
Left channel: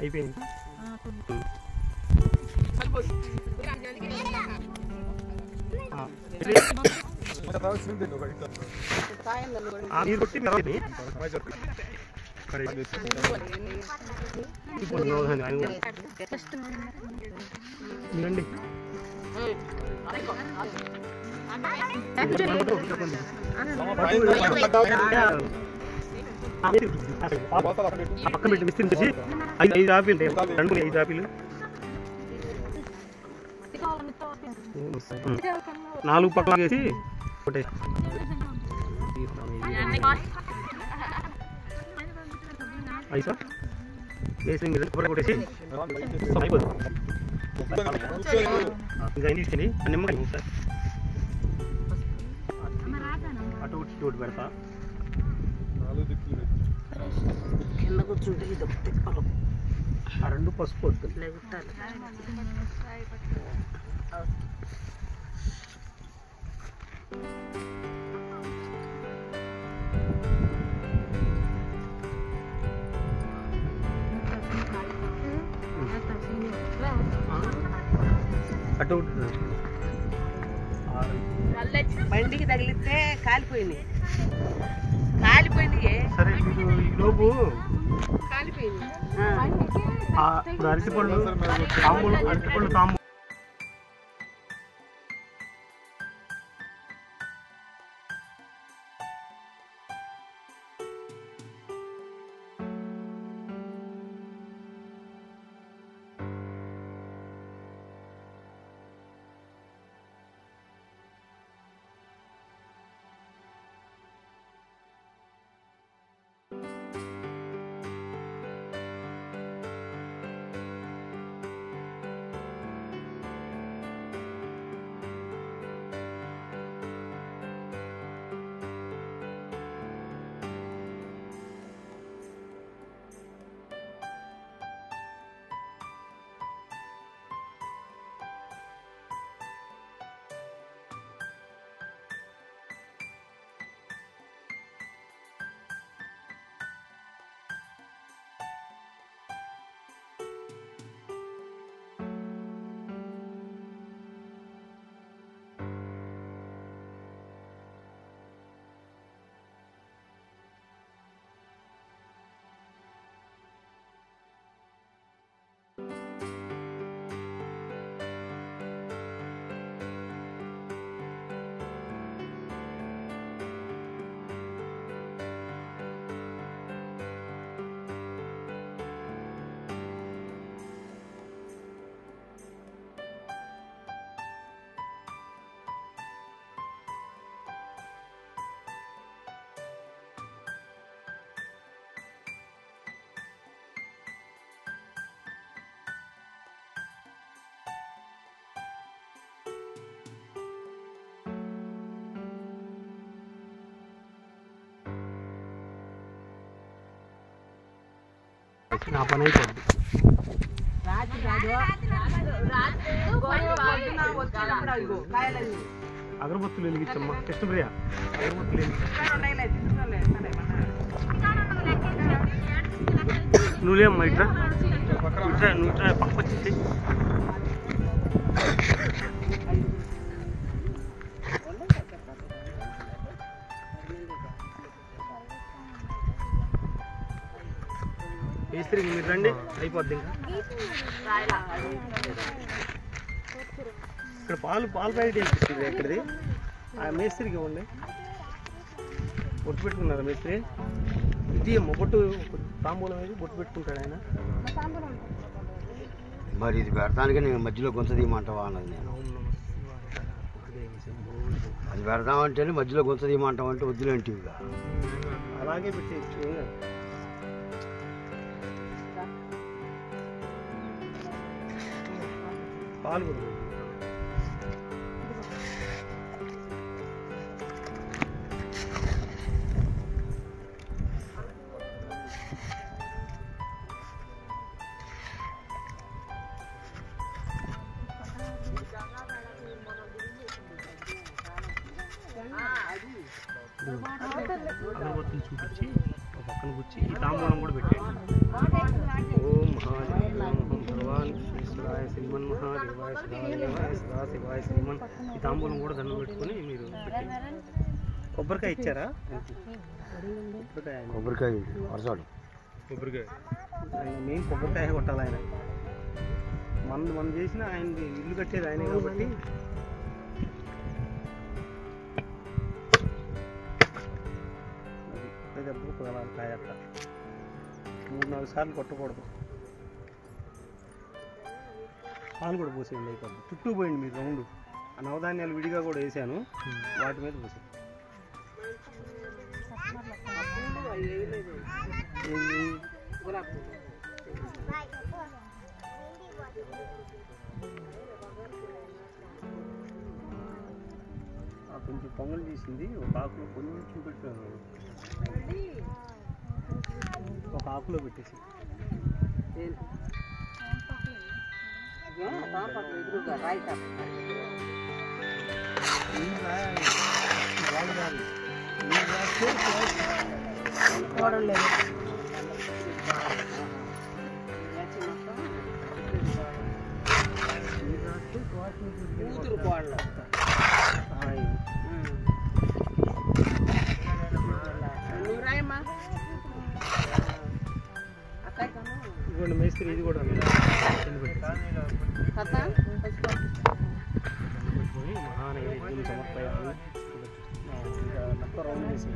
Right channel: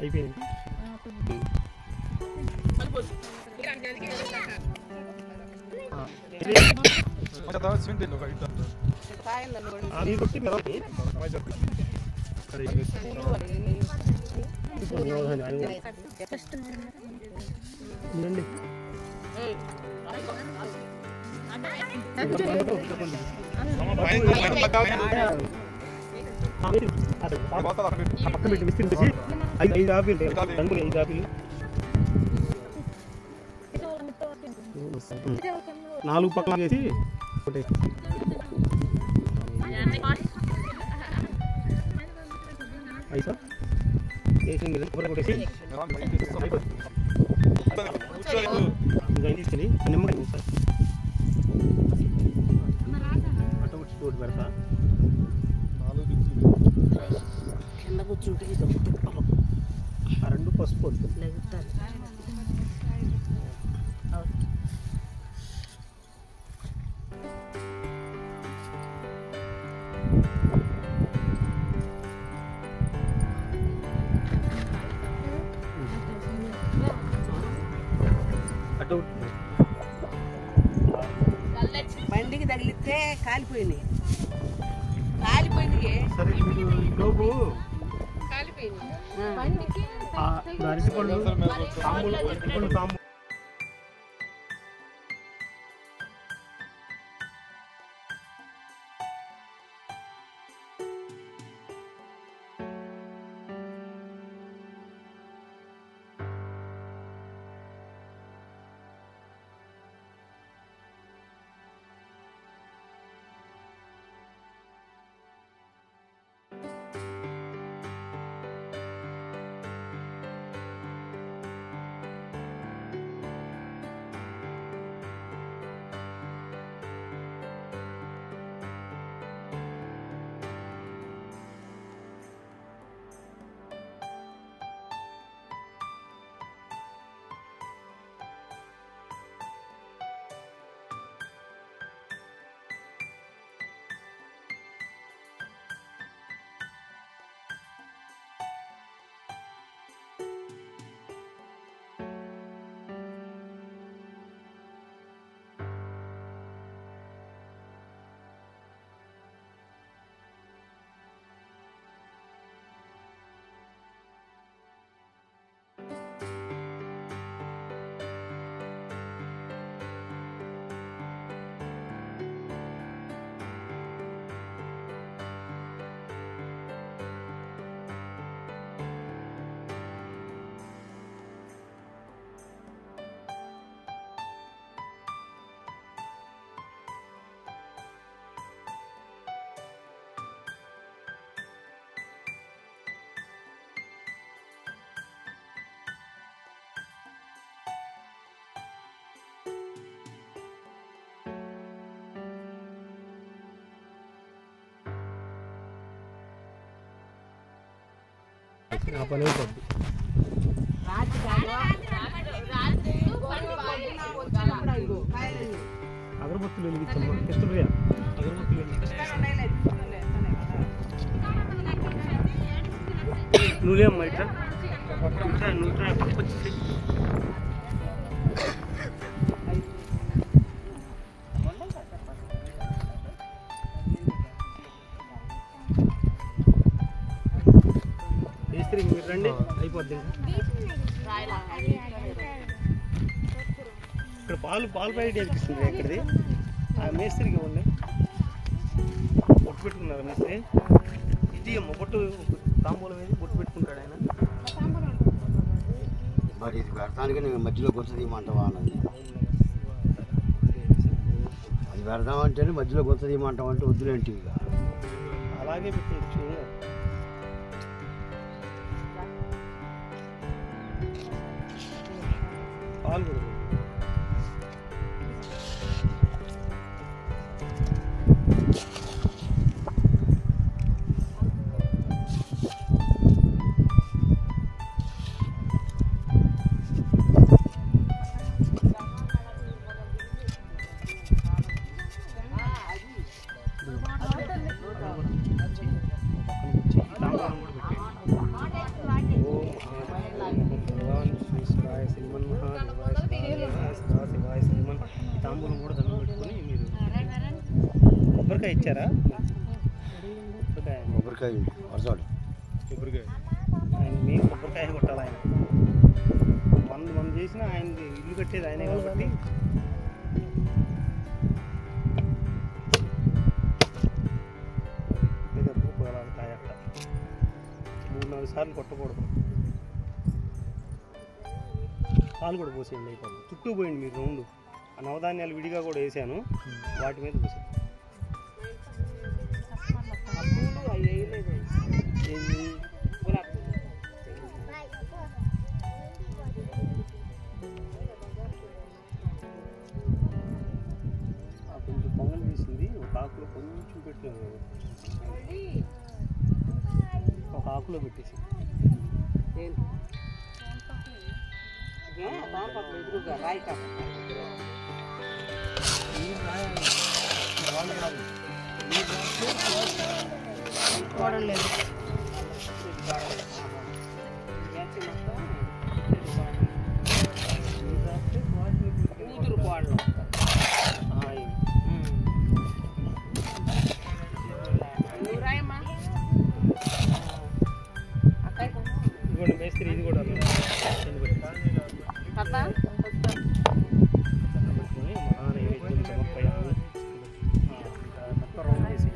అయిపోయింది మీరండి పక్క పెట్టి విస్తరించి 5 ఆపిల్ 5 ఆపిల్ 4 పక్కన వేసి ఒకటే ఐసా వేసి మీరు కొబ్బరి కొట్టేసి అయిపోతుంది. ఇంకా తీసుకెళ్ళి నిమ్మకాయ సార్ అటు ఇటు పెడతా. కింద కూర్చుంటే ఇది ఒకటి తిప్పలు ఆ రెండు పసుపు వద్దు. లేగుతారు. అటు బండికి తగిలితే కాలిపోయినాయి. కాలిపోయినాయి. సరే మీకు ఈ లోపు కాలిపోయినాయి. ఇప్పుడు అరటిపళ్ళు తాంబూలు అరటిపళ్ళు తాంబూలు నా పని అయిపోద్ది. అగరబత్తులు వెలిగించమ్మా. కృష్ణప్రియ అగరబత్తులు నువ్వులేమ్మా ఇట్లా ఇట్లా ఇట్లా పక్క వచ్చేసి మేస్త్రికి మీరు రండి అయిపోద్ది. ఇంకా ఇక్కడ పాలు ప్యాకెట్ వేపిస్తుంది ఎక్కడిది ఆ మేస్త్రికి ఇవ్వండి. బొట్టు పెట్టుకున్నారా మేస్త్రి? ఇది అమ్మ బొట్టు తాంబూలం వేసి బొట్టు పెట్టుకుంటాడు ఆయన. మరి ఇది పెడతానికి నేను మధ్యలో గొంత తీయమంటావా అన్నది నేను. అది పెడతామంటేనే మధ్యలో గొంత తీయమంటావంటే వద్దులేంటి ఇక అలాగే పెట్టేయచ్చు. పాలు కూడా అగరబత్తులు చూపించి పక్కన కూర్చి ఈ తాంబూలం కూడా పెట్టేయండి. ఓం భగవాన్ శ్రీశ్వరాయ శ్రీమన్ మహాదేవాయ సదాశివాయ సదాశివాయ శ్రీమన్. ఈ తాంబూలం కూడా దండం పెట్టుకొని మీరు పెట్టండి. కొబ్బరికాయ ఇచ్చారా? కొబ్బరికాయ వరసాడు కొబ్బరికాయ ఆయన మెయిన్ కొబ్బరికాయ కొట్టాలి. ఆయన మనం చేసిన ఆయన ఇల్లు కట్టేది ఆయనే కాబట్టి కాయ 3-4 సార్లు కొట్టకూడదు. పాలు కూడా పోసేయండి అయిపోయింది. చుట్టూ పోయింది మీరు రౌండ్. ఆ నవధాన్యాలు విడిగా కూడా వేసాను, వాటి మీద పోసేయండి. ఆకులు కొంచెం పెట్టారు, ఒక ఆకులో పెట్టేసి ఎదురుగా రాయి చూడలేదు కూతురు కోడలు నువ్వు రాయమ్మా అక్కడ ఇదిగోండి మేస్త్రి, ఇది కూడా కదా పెట్టుకొని మహానైవేద్యం సమర్పయాలి. మొత్తం రౌండ్ వేసి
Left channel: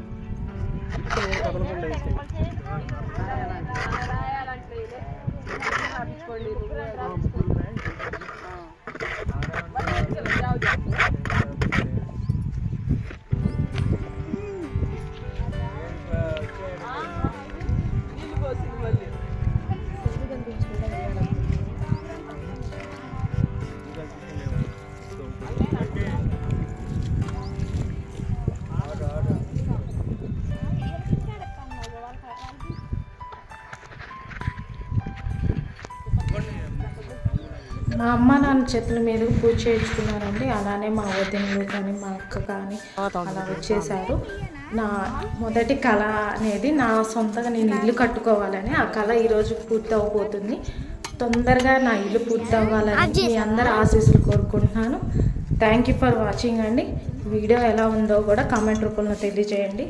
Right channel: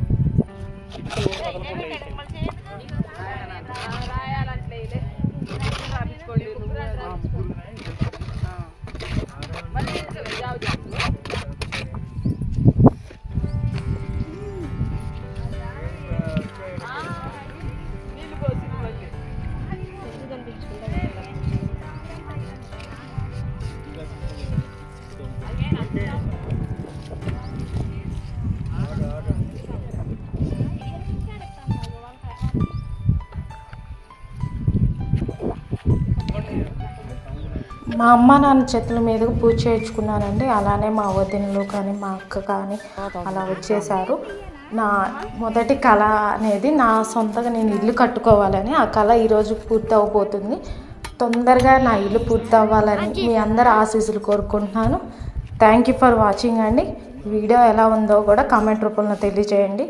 మా అమ్మ నాన్న చేతుల మీదకు పూజ చేయించుకున్నానండి. అలానే మా వదినలు కానీ మా అక్క కానీ అలా వచ్చేసారు. నా మొదటి కళ అనేది నా సొంతంగా నేను ఇల్లు కట్టుకోవాలని, ఆ కళ ఈరోజు పూర్తి అవబోతుంది. తొందరగా నా ఇల్లు పూర్తి అవ్వాలని మీ అందరు ఆశీస్సులు కోరుకుంటున్నాను. థ్యాంక్ యూ ఫర్ వాచింగ్ అండి. వీడియో ఎలా ఉందో కూడా కామెంట్ రూపంలో తెలియజేయండి.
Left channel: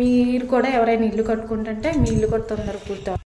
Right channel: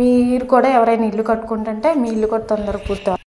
మీరు కూడా ఎవరైనా ఇల్లు కట్టుకుంటుంటే మీ ఇల్లు కూడా తొందరగా పూర్తి